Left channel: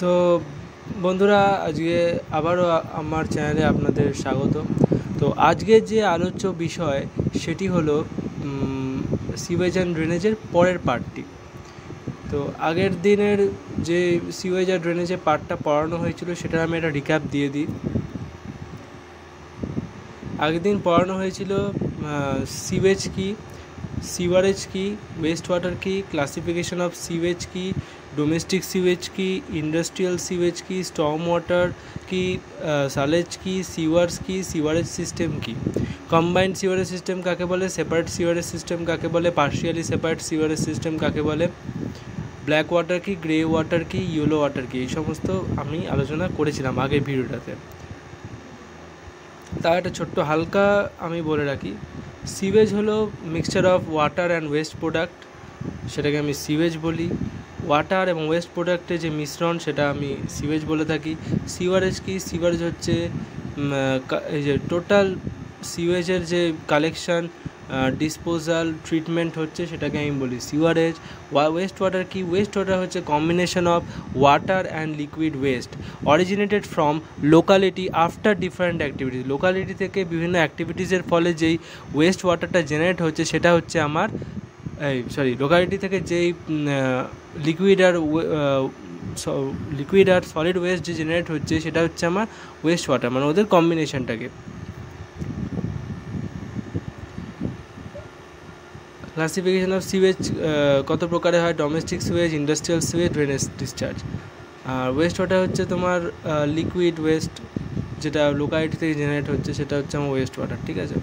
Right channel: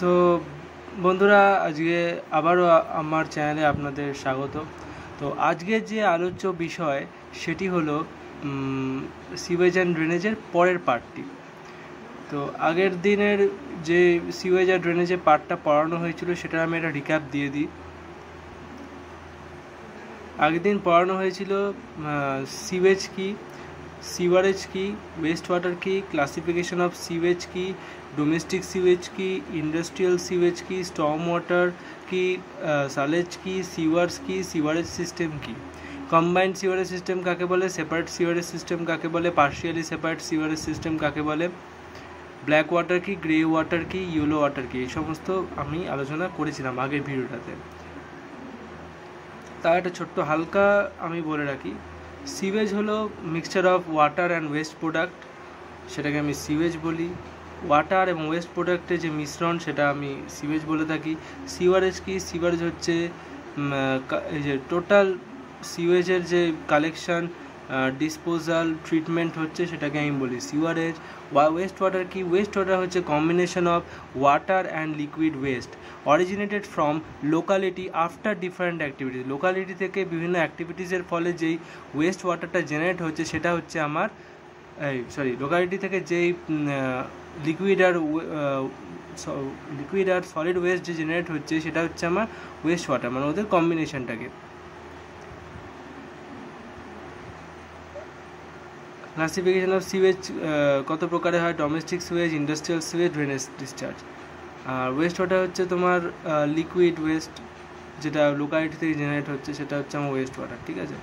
তো বন্ধুরা, আজকে আবারও আমার চ্যানেলে আপনাদের স্বাগত। তো আজকে যে আলোচ্য বিষয় সেটি হলো সিওয়েজ অ্যান্ড ড্রেনেজের পরের পার্টটি। তো আগের দিনের যে সিওয়েজ আর ড্রেনেজের পার্টটা পড়ানো হয়েছিল সেটা আমি একটা রিক্যাপ দিয়ে দিই। আগের দিন পড়ানো হয়েছিল সিওয়েজ কি, সিওয়ারেজ কি, ওয়েস্ট ওয়াটার কি, ক্লাসিফিকেশন অফ সিওয়েজ কি, ডোমেস্টিক সিওয়েজ কি, ইন্ডাস্ট্রিয়াল সিওয়েজ কি, স্টর্ম ওয়াটার কি, সালেজ কি, সিওয়ার্স কি, সিওয়ারেজ সিস্টেম কি, কম্বাইন্ড সিওয়ারেজ সিস্টেম কাকে বলে, সেপারেট সিওয়ারেজ সিস্টেম কাকে বলে, পার্শিয়ালি সেপারেট সিওয়ারেজ সিস্টেম কাকে বলে, ব্ল্যাক ওয়াটার কি, গ্রে ওয়াটার কি, ইয়েলো ওয়াটার কি, এই সমস্ত আমি আলোচনা করেছিলাম আগের ভিডিওটাতে। তার একটা ছোট্ট হালকা আমি বলে রাখি, সিওয়েজ হলো mixture of water and waste product, সেটাকে আমি সিওয়েজ বলি। ওয়াটার এবং ওয়েস্ট প্রোডাক্টের যে মিশ্রণ সেটা আমি সিওয়েজ বলে থাকি। সিওয়ারেজ কি, সিওয়ারেজ হচ্ছে এই যে টোটাল সিওয়েজের যে কালেকশান, ডিসপোজাল, ট্রিটমেন্ট হচ্ছে সেটাকে আমি বলি সিওয়ারেজ। ওয়েস্ট ওয়াটার কি, ওয়েস্ট ওয়াটার হচ্ছে combination of water and liquid waste originated from locality after different activities. Locality থেকে বিভিন্ন অ্যাক্টিভিটিসের ফলে যেই ওয়েস্ট ওয়াটারটা জেনারেট হচ্ছে সেটা হচ্ছে আমার লোকালিটি থেকে যেই লিকুইড আর সলিড ওয়েস্ট যে জেনারেট হচ্ছে সেটা হচ্ছে আমার ওয়েস্ট ওয়াটার, মানে ওদের কম্বিনেশনটাকে। ক্লাসিফিকেশন অফ সিওয়েজ কত প্রকারে হয়, domestic sewage, industrial sewage, drainage discharge. আর ওয়েস্ট ওয়াটার হচ্ছে তোমার লিকুইড ওয়েস্ট যেটা লোকালিটি থেকে জেনারেট হচ্ছে সেটা হচ্ছে আমার ওয়েস্ট ওয়াটার, ঠিক আছে।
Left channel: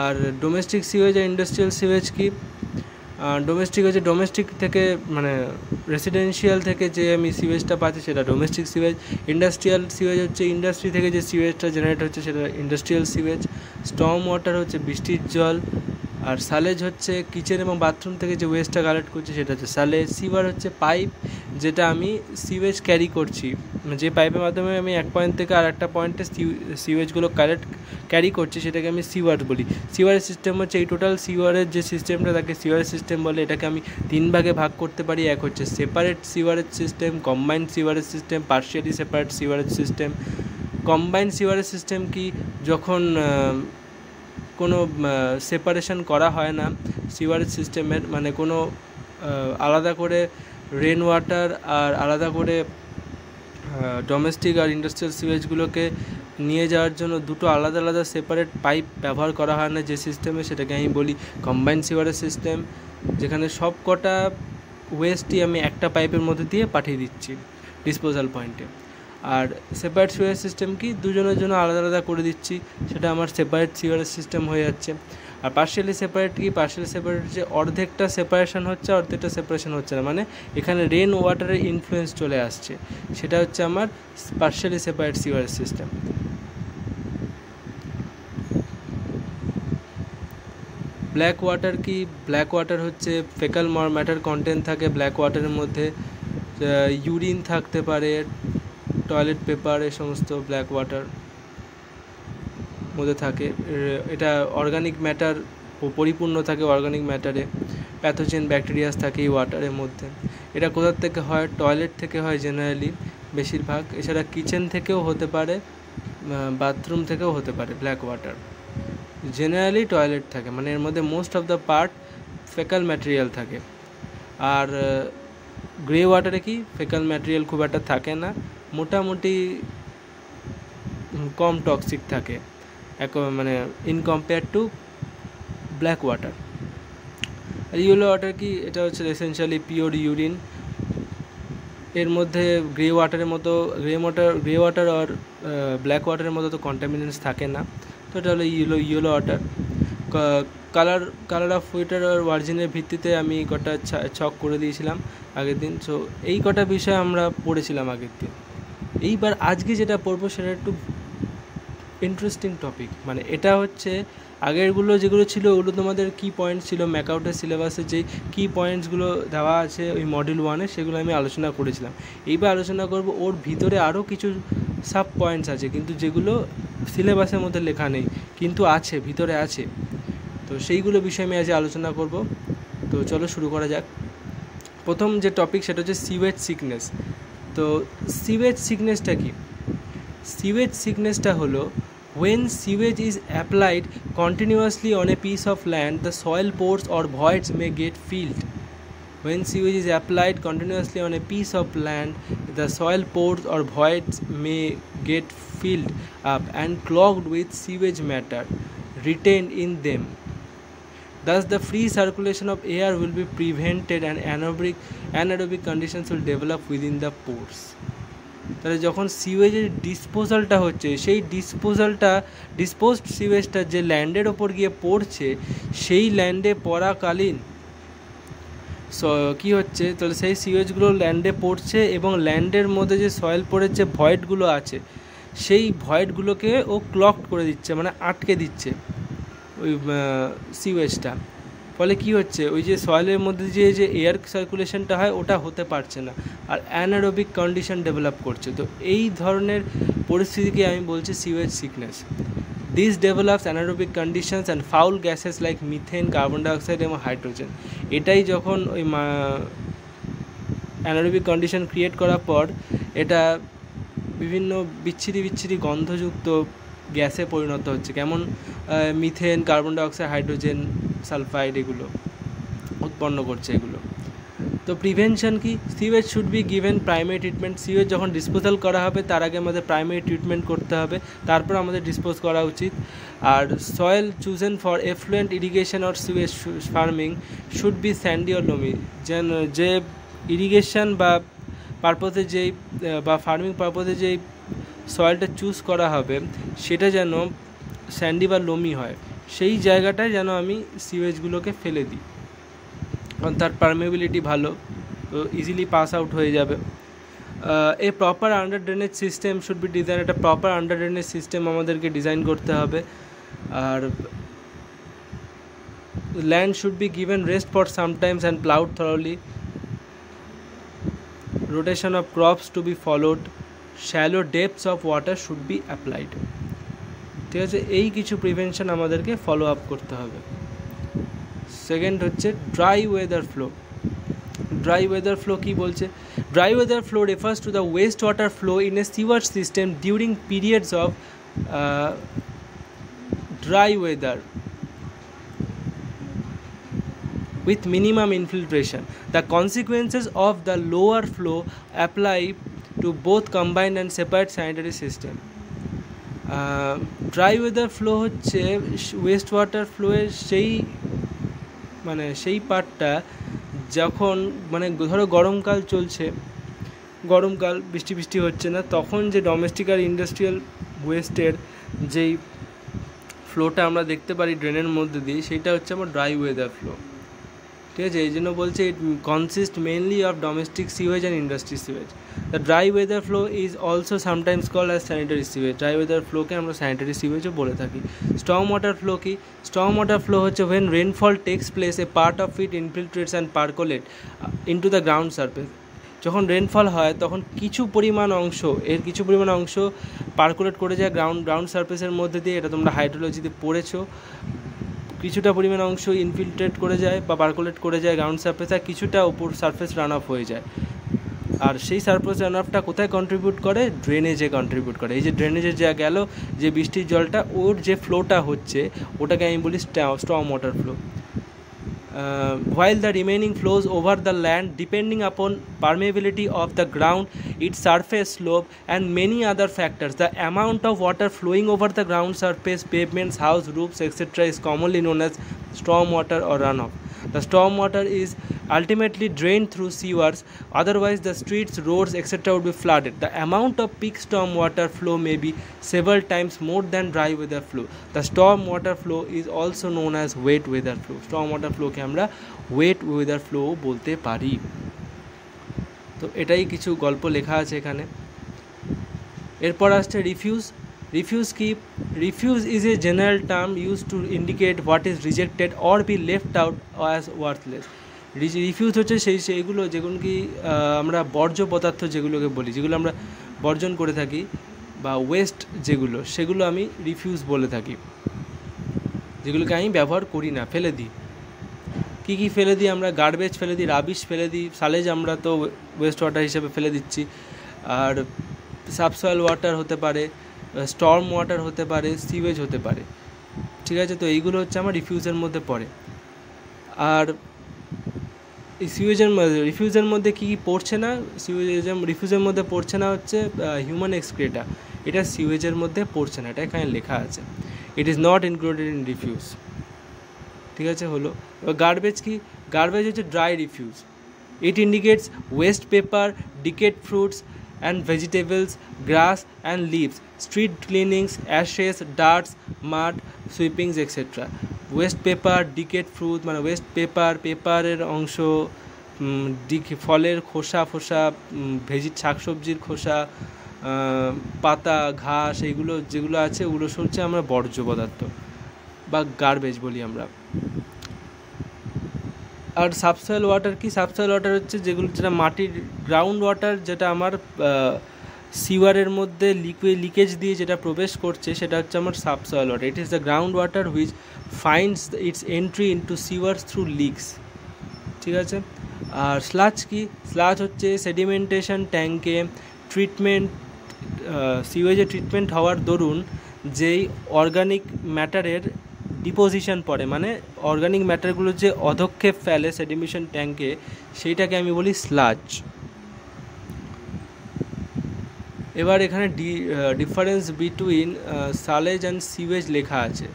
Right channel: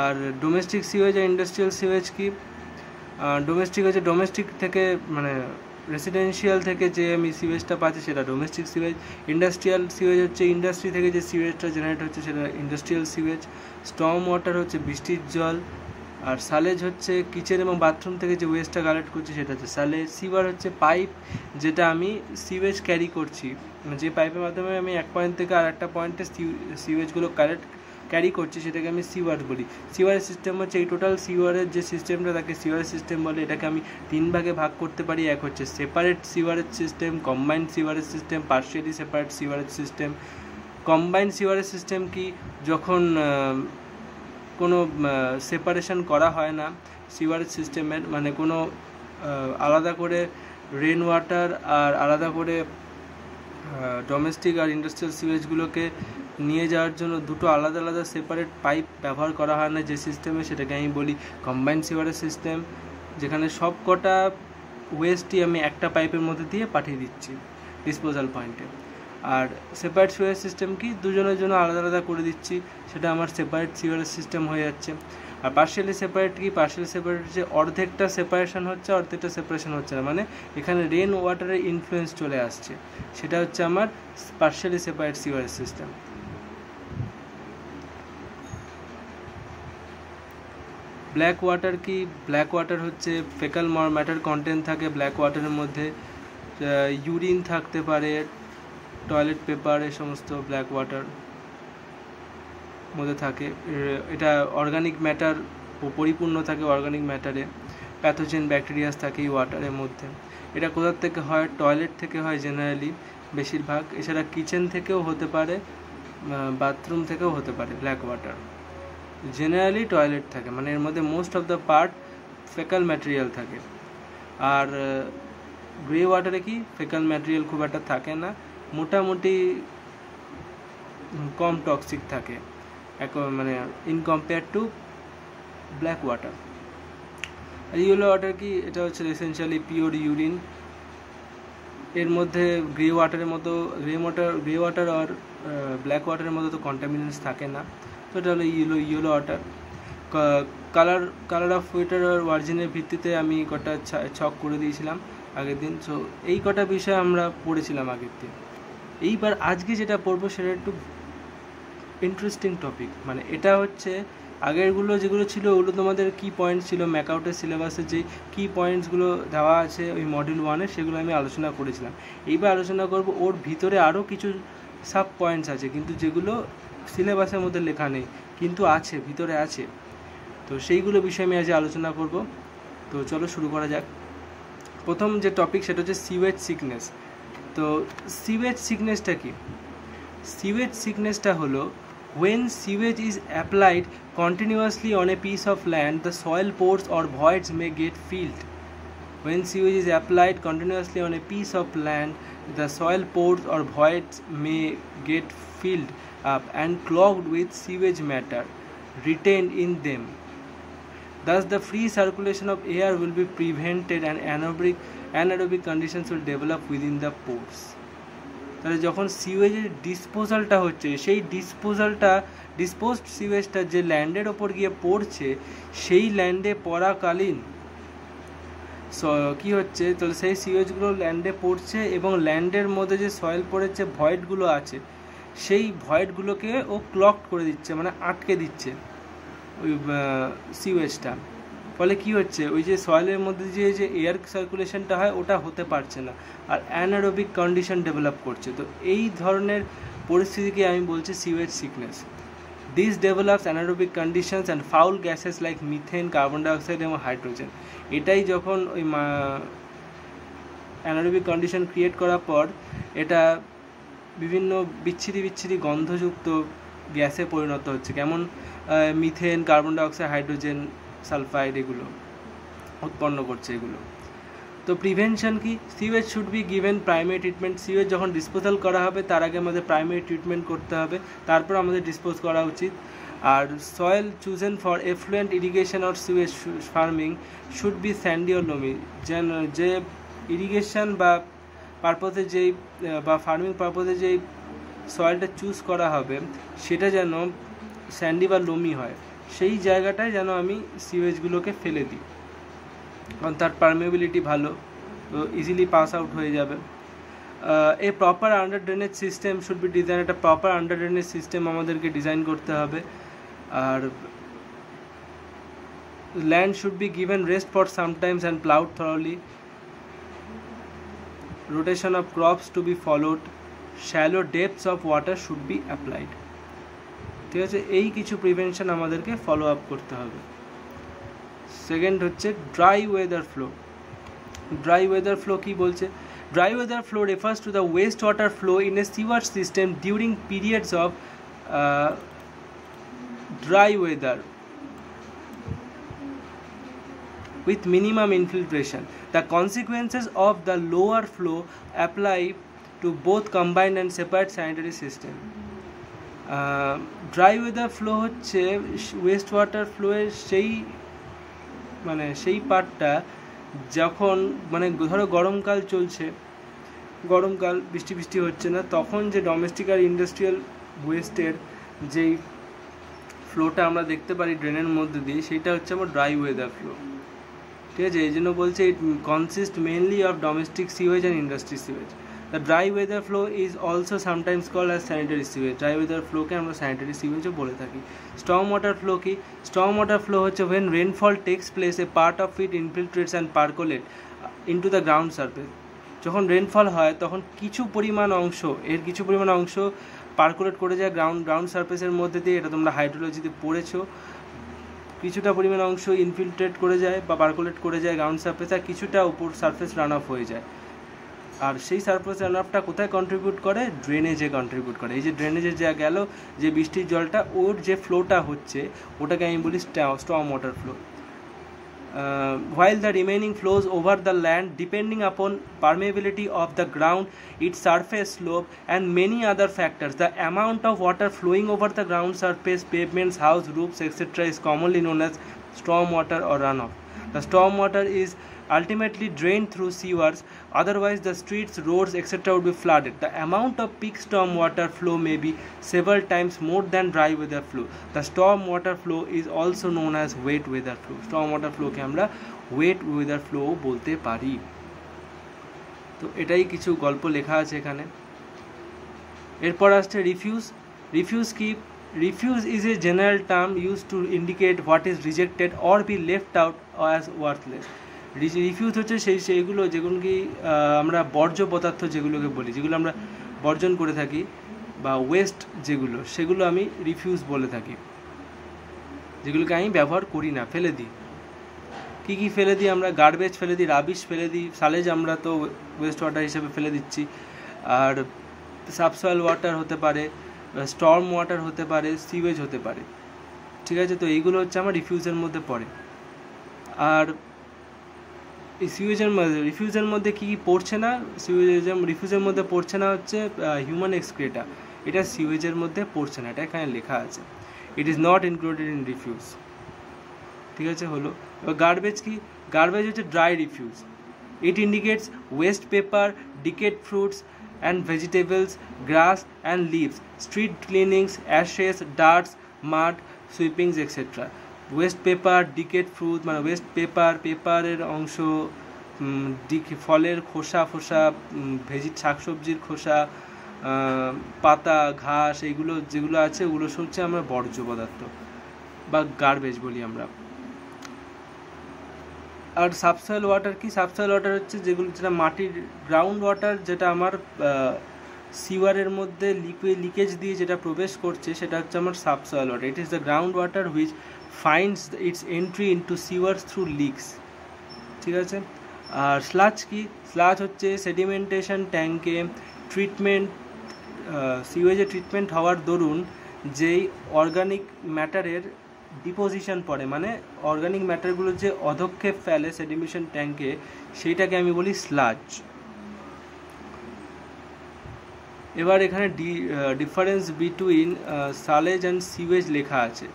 আর ডোমেস্টিক সিওয়েজ আর ইন্ডাস্ট্রিয়াল সিওয়েজ কি, ডোমেস্টিক হচ্ছে ডোমেস্টিক থেকে মানে রেসিডেন্সিয়াল থেকে যে আমি সিওয়েজটা পাচ্ছি সেটা ডোমেস্টিক সিওয়েজ। ইন্ডাস্ট্রিয়াল সিওয়েজ হচ্ছে ইন্ডাস্ট্রি থেকে যে সিওয়েজটা জেনারেট হচ্ছে সেটা ইন্ডাস্ট্রিয়াল সিওয়েজ। স্টর্ম ওয়াটার হচ্ছে বৃষ্টির জল। আর সালেজ হচ্ছে কিচেন এবং বাথরুম থেকে যে ওয়েস্টটা কালেক্ট করছি সেটা হচ্ছে সালেজ। সিওয়ার হচ্ছে পাইপ যেটা আমি সিওয়েজ ক্যারি করছি, যে পাইপের মাধ্যমে আমি এক পয়েন্ট থেকে আর একটা পয়েন্টে সিওয়েজগুলো ক্যারি করছি সেটাকে আমি সিওয়ার বলি। সিওয়ারেজ সিস্টেম হচ্ছে এই টোটাল সিওয়ারের যে সিস্টেমটা তাকে সিওয়ারেজ সিস্টেম বলে। এটাকে আমি তিন ভাগে ভাগ করতে পারি। এক হচ্ছে separate sewerage system, combined sewerage system, partially separate sewerage system. Combined sewerage system কি, যখন কোনো সেপারেশন করা হয় না সিওয়ারেজ সিস্টেমের, মানে কোনো আলাদা করে রেন ওয়াটার আর আলাদা করে ডোমেস্টিক আর ইন্ডাস্ট্রিয়াল সিওয়েজগুলোকে নিয়ে যাওয়ার জন্য দুটো আলাদা আলাদা সেপারেট পাইপ ব্যবহার করা হয় না যে সিস্টেমে, সেটাকে আমি বলি কম্বাইন্ড সিওয়ারেজ সিস্টেম, যেখানে সব কটা ওয়েস্টই আমি একটা পাইপের মধ্যে দিয়ে পাঠিয়ে দিচ্ছি ডিসপোজাল পয়েন্টে। আর সেপারেট সিওয়ারেজ সিস্টেম কি, দুজনের জন্য আলাদা আলাদা করে দিচ্ছি, সেটা আমার সেপারেট সিওয়ারেজ সিস্টেম হয়ে যাচ্ছে। আর পার্শিয়ালি সেপারেট কি, পার্শিয়ালি সেপারেট হচ্ছে অর্ধেকটা সেপারেশন হচ্ছে অর্ধেকটা সেপারেশন হচ্ছে না, মানে এখানে রেন ওয়াটারের ইনফ্লুয়েন্স চলে আসছে, সেটা হচ্ছে আমার partially separate sewerage system. Black water কি, ব্ল্যাক ওয়াটার হচ্ছে ফেকাল ম্যাটার কন্টেন্ট থাকে ব্ল্যাক ওয়াটারের মধ্যে, ইউরিন থাকতে পারে, টয়লেট পেপার, এই সমস্ত ব্ল্যাক ওয়াটার মধ্যে থাকে। এটা অর্গানিক ম্যাটার পরিপূর্ণ থাকে, অর্গানিক ম্যাটারে প্যাথোজেন ব্যাকটেরিয়াস থাকে এই ওয়াটারের মধ্যে। এটা কোথার থেকে হয়, টয়লেট থেকে হয় জেনারেলি বেশিরভাগ, এছাড়া কিচেন থেকেও হতে পারে, বাথরুম থেকেও হতে পারে। ব্ল্যাক ওয়াটার জেনারেলি টয়লেট থাকে, মানে এর মধ্যে most of the part faecal material থাকে। আর গ্রে ওয়াটারে কি, ফেকাল ম্যাটেরিয়াল খুব একটা থাকে না, মোটামুটি কম টক্সিক থাকে মানে in compare to black water. আর ইয়েলো ওয়াটার কি, এটা হচ্ছে এসেনশিয়ালি পিওর ইউরিন। এর মধ্যে গ্রে ওয়াটারের মতো গ্রে ওয়াটার আর ব্ল্যাক ওয়াটারের মতো তো কন্টামিনেন্টস থাকে না, তো এটা হলো yellow water. Colour of water আর ওয়ার্জিনের ভিত্তিতে আমি কটা ছক করে দিয়েছিলাম আগের দিন। সো এই কটা বিষয় আমরা পড়েছিলাম আগের দিন। এইবার আজকে যেটা পড়বো সেটা একটু ইন্টারেস্টিং টপিক, মানে এটা হচ্ছে আগেরগুলো যেগুলো ছিল ওগুলো তোমাদের কি পয়েন্ট ছিল ম্যাকআউটের সিলেবাসে, যেই কি পয়েন্টসগুলো দেওয়া আছে ওই মডিউল 1-এ, সেগুলো আমি আলোচনা করেছিলাম। এইবার আলোচনা করব ওর ভিতরে আরও কিছু সাব পয়েন্টস আছে কিন্তু যেগুলো সিলেবাসের মধ্যে লেখা নেই কিন্তু আছে, ভিতরে আছে। তো সেইগুলো বিষয়ে আমি আজ আলোচনা করব। তো চলো শুরু করা যাক। প্রথম যে টপিক সেটা হচ্ছে সিওয়েজ সিকনেস। তো সিওয়েজ সিকনেসটা কি? সিওয়েজ সিকনেসটা হলো when sewage is applied continuously on a piece of land, the soil pores or voids may get filled. When sewage is applied continuously on a piece of land, the soil pores or voids may get filled up and clogged with sewage matter retained in them. Thus, the free circulation of air will be prevented and anaerobic conditions will develop within the pores. তাহলে যখন সিওয়েজের ডিসপোজালটা হচ্ছে, সেই disposed সিওয়েজটা যে ল্যান্ডের ওপর গিয়ে পড়ছে, সেই ল্যান্ডে পড়াকালীন কী হচ্ছে, তাহলে সেই সিওয়েজগুলো ল্যান্ডে পড়ছে এবং ল্যান্ডের মধ্যে যে সয়েল পড়ের যে ভয়েডগুলো আছে, সেই ভয়েডগুলোকে ও ক্লগ করে দিচ্ছে, মানে আটকে দিচ্ছে ওই সিওয়েজটা। ফলে কি হচ্ছে, ওই যে সয়েলের মধ্যে যে এয়ার সার্কুলেশনটা হয় ওটা হতে পারছে না, আর অ্যানারোবিক কন্ডিশন ডেভেলপ করছে। তো এই ধরনের পরিস্থিতিকে আমি বলছি sewage sickness. This develops anaerobic conditions and foul gases like methane, carbon dioxide এবং হাইড্রোজেন। এটাই যখন ওই অ্যানারোবিক কন্ডিশন ক্রিয়েট করার পর এটা বিভিন্ন বিচ্ছিরি গন্ধযুক্ত গ্যাসে পরিণত হচ্ছে, কেমন methane, carbon dioxide, hydrogen sulphide এগুলো উৎপন্ন করছে এগুলো। তো প্রিভেনশন কি? Sewage should be given primary treatment. Sewage যখন ডিসপোজাল করা হবে তার আগে আমাদের প্রাইমারি ট্রিটমেন্ট করতে হবে, তারপর আমাদের ডিসপোজ করা উচিত। আর soil chosen for effluent irrigation or sewage farming should be sandy or loamy. যেন যে ইরিগেশন বা পারপোজে যেই বা ফার্মিং পারপোজে যেই সয়েলটা চুজ করা হবে সেটা যেন স্যান্ডি বা লোমি হয়, সেই জায়গাটায় যেন আমি সিওয়েজগুলোকে ফেলে দিই, কারণ তার পারমেবিলিটি ভালো, তো ইজিলি পাস আউট হয়ে যাবে। A proper under drainage system should be design. একটা প্রপার আন্ডার ড্রেনেজ সিস্টেম আমাদেরকে ডিজাইন করতে হবে। আর land should be given rest for sometimes and ploughed thoroughly. Rotation of crops to be followed. Shallow depths of water should be applied. ঠিক আছে, এই কিছু prevention আমাদেরকে ফলো আপ করতে হবে। সেকেন্ড হচ্ছে dry weather flow. Dry weather flow কী বলছে? Dry weather flow refers to the waste water flow in a sewer system during periods of dry weather with minimum infiltration. The consequences of the lower flow apply to both combined and separate sanitary system. Dry weather flow হচ্ছে West water ফ্লোয়ের সেই পার্টটা যখন ধরো গরমকাল চলছে, গরমকাল বৃষ্টি হচ্ছে না, তখন যে ডোমেস্টিক আর ইন্ডাস্ট্রিয়াল ওয়েস্টের যেই ফ্লোটা আমরা দেখতে পারি ড্রেনের মধ্যে দিয়ে, সেইটা হচ্ছে আমার ড্রাই ওয়েদার ফ্লো। ঠিক আছে, এই জন্য বলছে it consist mainly of domestic sewage and industry sewage. The dry weather flow is also sometimes called as sanitary sewage. Dry weather ফ্লোকে আমরা স্যানিটারি সিওয়েজও বলে থাকি। স্টর্ম ওয়াটার ফ্লো কি? স্টর্ম ওয়াটার ফ্লো হচ্ছে when rainfall takes place a part of it infiltrates and percolates into the ground surface. যখন rainfall হয় তখন কিছু পরিমাণ অংশ পার্কুলেট করে যায় গ্রাউন্ড সারফেসের মধ্যে দিয়ে। এটা তোমরা হাইড্রোলজিতে পড়েছো। কিছুটা পরিমাণ অংশ ইনফিল্ট্রেট করে যায় বা পার্কুলেট করে যায় গ্রাউন্ড সারফেস, আর কিছুটা উপর সারফেস রান অফ হয়ে যায়। আর সেই সারফেস রান অফটা কোথায় কন্ট্রিবিউট করে? ড্রেনেজে কন্ট্রিবিউট করে। এই যে ড্রেনেজে যা গেল, যে বৃষ্টির জলটা, ওর যে ফ্লোটা হচ্ছে ওটাকে আমি বলি storm water flow. While the remaining flows over the land depending upon permeability of the ground, its surface slope and many other factors. The amount of water flowing over the ground surface, pavements, house roofs, etc. is commonly known as storm water or runoff. The storm water is ultimately drained through sewers, otherwise the streets, roads, etc. would be flooded. The amount of peak storm water flow may be several times more than dry weather flow. The storm water flow is also known as wet weather flow. Storm water flow ke amra wet weather flow bolte pari. তো এটাই কিছু গল্প লেখা আছে এখানে। এরপর আসছে refuse কি? Refuse is a general term use to indicate what is rejected or be left out as worthless. Refuse হচ্ছে সেইগুলো যেগুলো কি আমরা বর্জ্য পদার্থ যেগুলোকে বলি, যেগুলো আমরা বর্জন করে থাকি বা ওয়েস্ট যেগুলো, সেগুলো আমি রিফিউজ বলে থাকি। যেগুলোকে আমি ব্যবহার করি না, ফেলে দিই। কী ফেলে দিই আমরা? গার্বেজ ফেলে দিই, রাবিশ ফেলে দিই, সালেজ আমরা তো ওয়েস্ট ওয়াটার হিসেবে ফেলে দিচ্ছি। আর সাবসয়েল ওয়াটার হতে পারে, স্টর্ম ওয়াটার হতে পারে, সিওয়েজ হতে পারে। ঠিক আছে, তো এইগুলো হচ্ছে আমার রিফিউজের মধ্যে পড়ে। আর এই রিফিউজের মধ্যে কী কী পড়ছে না, রিফিউজের মধ্যে পড়ছে না হচ্ছে হিউম্যান এক্সক্রেটা, এটা সিওয়েজের মধ্যে পড়ছে না, এটা এখানে লেখা আছে, it is not included in refuse. ঠিক আছে, হলো। এবার গার্বেজ কি? গার্বেজ হচ্ছে dry refuse. It indicates waste paper, decayed fruits and vegetables, grass and leaves, street cleanings, ashes, dusts, mud sweepings etcetera. Waste paper, decayed fruit মানে waste পেপারের অংশ, ফলের খোসা শাকসবজির খোসা, পাতা, ঘাস, এইগুলো যেগুলো আছে ওগুলো হচ্ছে আমরা বর্জ্য পদার্থ বা গার্বেজ বলি আমরা। আর সাবসয়েল ওয়াটার কি? সাবসয়েল ওয়াটার হচ্ছে যেটা মাটির গ্রাউন্ড ওয়াটার, যেটা আমার সিওয়ারের মধ্যে লিকেজ দিয়ে যেটা প্রবেশ করছে, সেটা হচ্ছে আমার subsoil water. It is the ground water which finds its entry into sewers through leaks. ঠিক আছে। আর স্লাজ কি? স্লাজ হচ্ছে সেডিমেন্টেশন ট্যাঙ্কে ট্রিটমেন্ট, সিওয়েজে ট্রিটমেন্ট হওয়ার দরুন যেই অর্গানিক ম্যাটারের ডিপোজিশন পড়ে, মানে অর্গানিক ম্যাটারগুলো যে অধক্ষেপ ফেলে সেডিমেশন ট্যাঙ্কে, সেইটাকে আমি বলি স্লাজ। এবার এখানে ডিফারেন্স বিটুইন সালেজ অ্যান্ড সিওয়েজ লেখা আছে।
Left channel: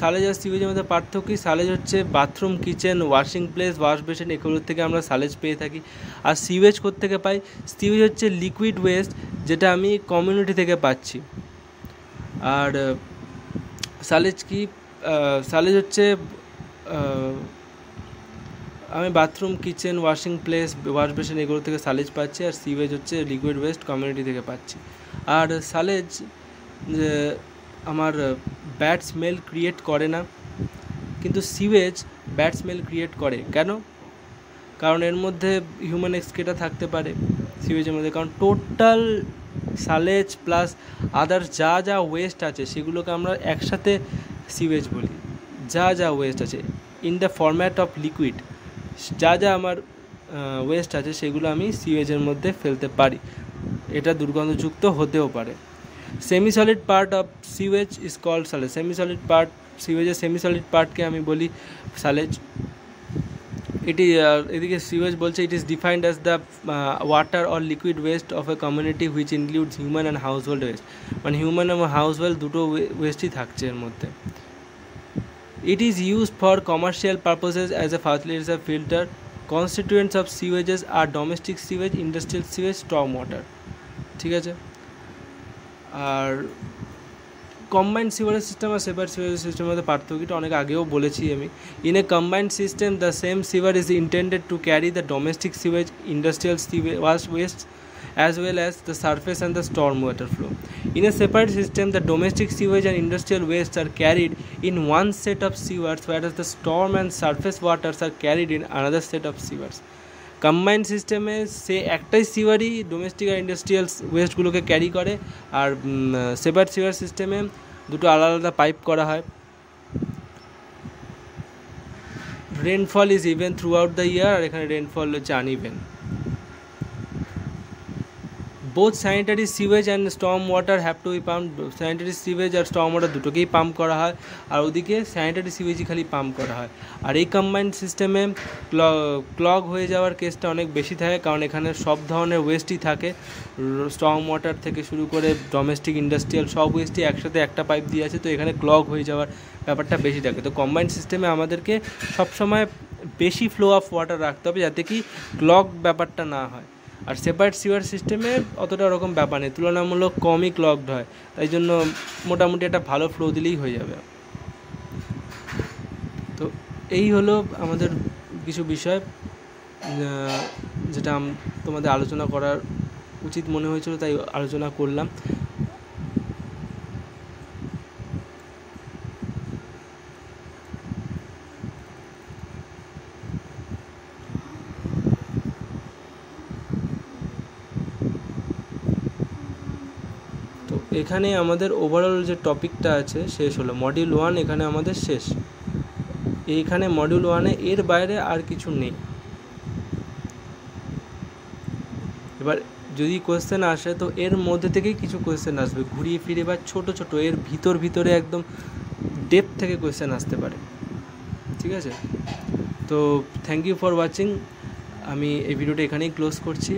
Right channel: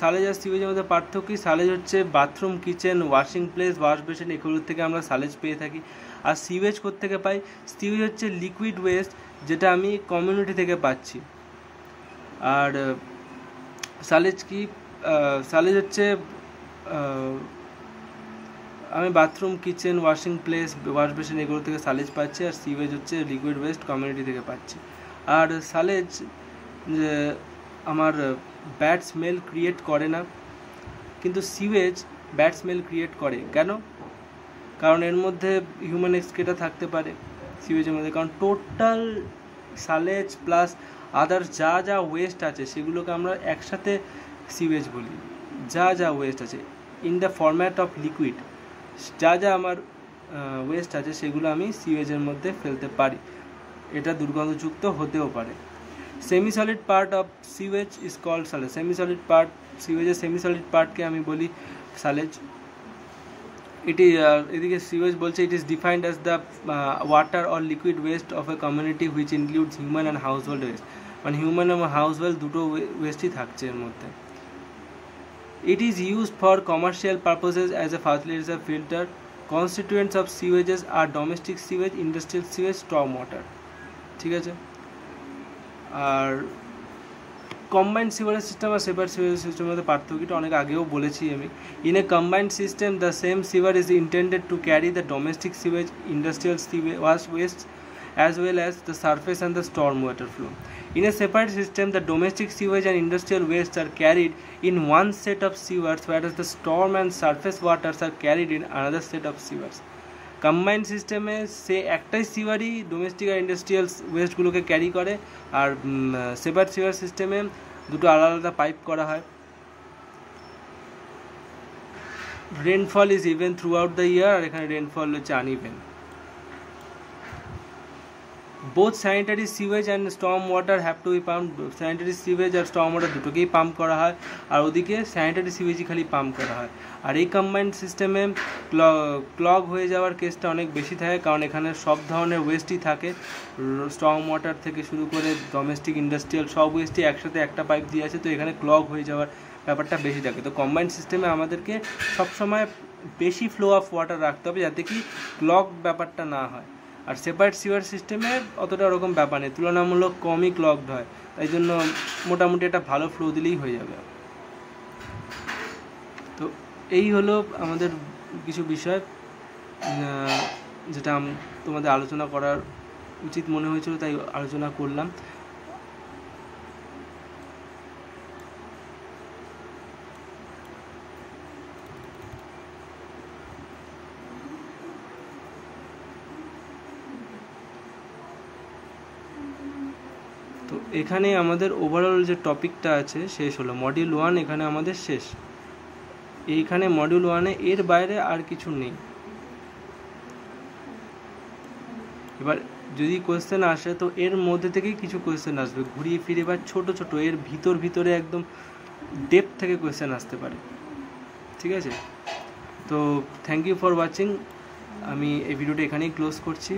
সালেজ আর সিওয়েজের মধ্যে পার্থক্য কি? সালেজ হচ্ছে bathroom, kitchen, washing place, wash basin, এগুলোর থেকে আমরা সালেজ পেয়ে থাকি। আর সিওয়েজ কোত্থেকে পাই? সিওয়েজ হচ্ছে লিকুইড ওয়েস্ট, যেটা আমি কমিউনিটি থেকে পাচ্ছি। আর সালেজ কি? সালেজ হচ্ছে আমি bathroom, kitchen, washing place, wash basin এগুলো থেকে সালেজ পাচ্ছি। আর সিওয়েজ হচ্ছে লিকুইড ওয়েস্ট, কমিউনিটি থেকে পাচ্ছি। আর সালেজ আমার ব্যাড স্মেল ক্রিয়েট করে না, কিন্তু সিওয়েজ ব্যাড স্মেল ক্রিয়েট করে। কেন? কারণ এর মধ্যে হিউম্যান এক্সক্রেটা থাকতে পারে সিওয়েজের মধ্যে। কারণ টোটাল সালেজ প্লাস আদার্স যা ওয়েস্ট আছে সেগুলোকে আমরা একসাথে সিওয়েজ বলি। যা ওয়েস্ট আছে in the format of liquid, যা আমার ওয়েস্ট আছে সেগুলো আমি সিওয়েজের মধ্যে ফেলতে পারি। এটা দুর্গন্ধযুক্ত হতেও পারে। Semi solid part of sewage is called sludge. সিওয়েজের সেমি সলিড পার্টকে আমি বলি সালেজ। এটি এদিকে সিওয়েজ বলছে it is defined as the water or liquid waste of a community which includes human and household waste. মানে human এবং household দুটো ওয়েস্টই থাকছে এর মধ্যে। It is used for commercial purposes as a fertiliser filter. Constituents of sewages আর domestic sewage, industrial sewage, Sturm water. ঠিক আছে। আর কম্বাইন্ড সিওয়ারেজ সিস্টেম আর সেপারেট সিওয়ারেজ সিস্টেমের মধ্যে পার্থক্যটা অনেক আগেও বলেছি আমি। In a combined system the same sewer is intended to carry the domestic sewage, industrial waste as well as the surface and the storm water flow. In a separate system, the domestic sewage and industrial wastes are carried in one set of sewers, whereas the storm and surface waters are carried in another set of sewers. Combined সিস্টেমে সে একটাই সিওয়ারই domestic আর industrial ওয়েস্টগুলোকে carry করে, আর separate সিওয়ার সিস্টেমে দুটো আলাদা আলাদা pipe করা হয়। Rainfall is even throughout the year, আর এখানে রেনফল হচ্ছে uneven. Both sanitary sewage and storm water have to be pump. Sanitary sewage আর স্টর্ম ওয়াটার দুটোকেই পাম্প করা হয়, আর ওদিকে স্যানিটারি সিওয়েজই খালি পাম্প করা হয়। আর এই কম্বাইন্ড সিস্টেমে ক্লগ হয়ে যাওয়ার কেসটা অনেক বেশি থাকে, কারণ এখানে সব ধরনের ওয়েস্টই থাকে, স্টর্ম ওয়াটার থেকে শুরু করে ডোমেস্টিক, ইন্ডাস্ট্রিয়াল সব ওয়েস্টই একসাথে একটা পাইপ দিয়ে আছে, তো এখানে ক্লগ হয়ে যাওয়ার ব্যাপারটা বেশি থাকে। তো কম্বাইন্ড সিস্টেমে আমাদেরকে সবসময় বেশি ফ্লো অফ ওয়াটার রাখতে হবে যাতে কি ক্লগ ব্যাপারটা না হয়। আর সেপারেট সিওয়ার সিস্টেমে অতটা ওরকম ব্যাপার নেই, তুলনামূলক কমই ক্লগড হয়, তাই জন্য মোটামুটি একটা ভালো ফ্লো দিলেই হয়ে যাবে। তো এই হলো আমাদের কিছু বিষয় যেটা তোমাদের আলোচনা করার উচিত মনে হয়েছিল, তাই আলোচনা করলাম। এখানে আমাদের ওভারঅল যে টপিকটা আছে শেষ হলো। মডিউল 1 এখানে আমাদের শেষ। এইখানে মডিউল 1-এ এর বাইরে আর কিছু নেই। এবার যদি কোয়েশ্চেন আসে তো এর মধ্যে থেকেই কিছু কোয়েশ্চেন আসবে, ঘুরিয়ে ফিরে বা ছোটো ছোটো এর ভিতরে একদম ডেপথ থেকে কোয়েশ্চেন আসতে পারে। ঠিক আছে, তো থ্যাংক ইউ ফর ওয়াচিং। আমি এই ভিডিওটা এখানেই ক্লোজ করছি।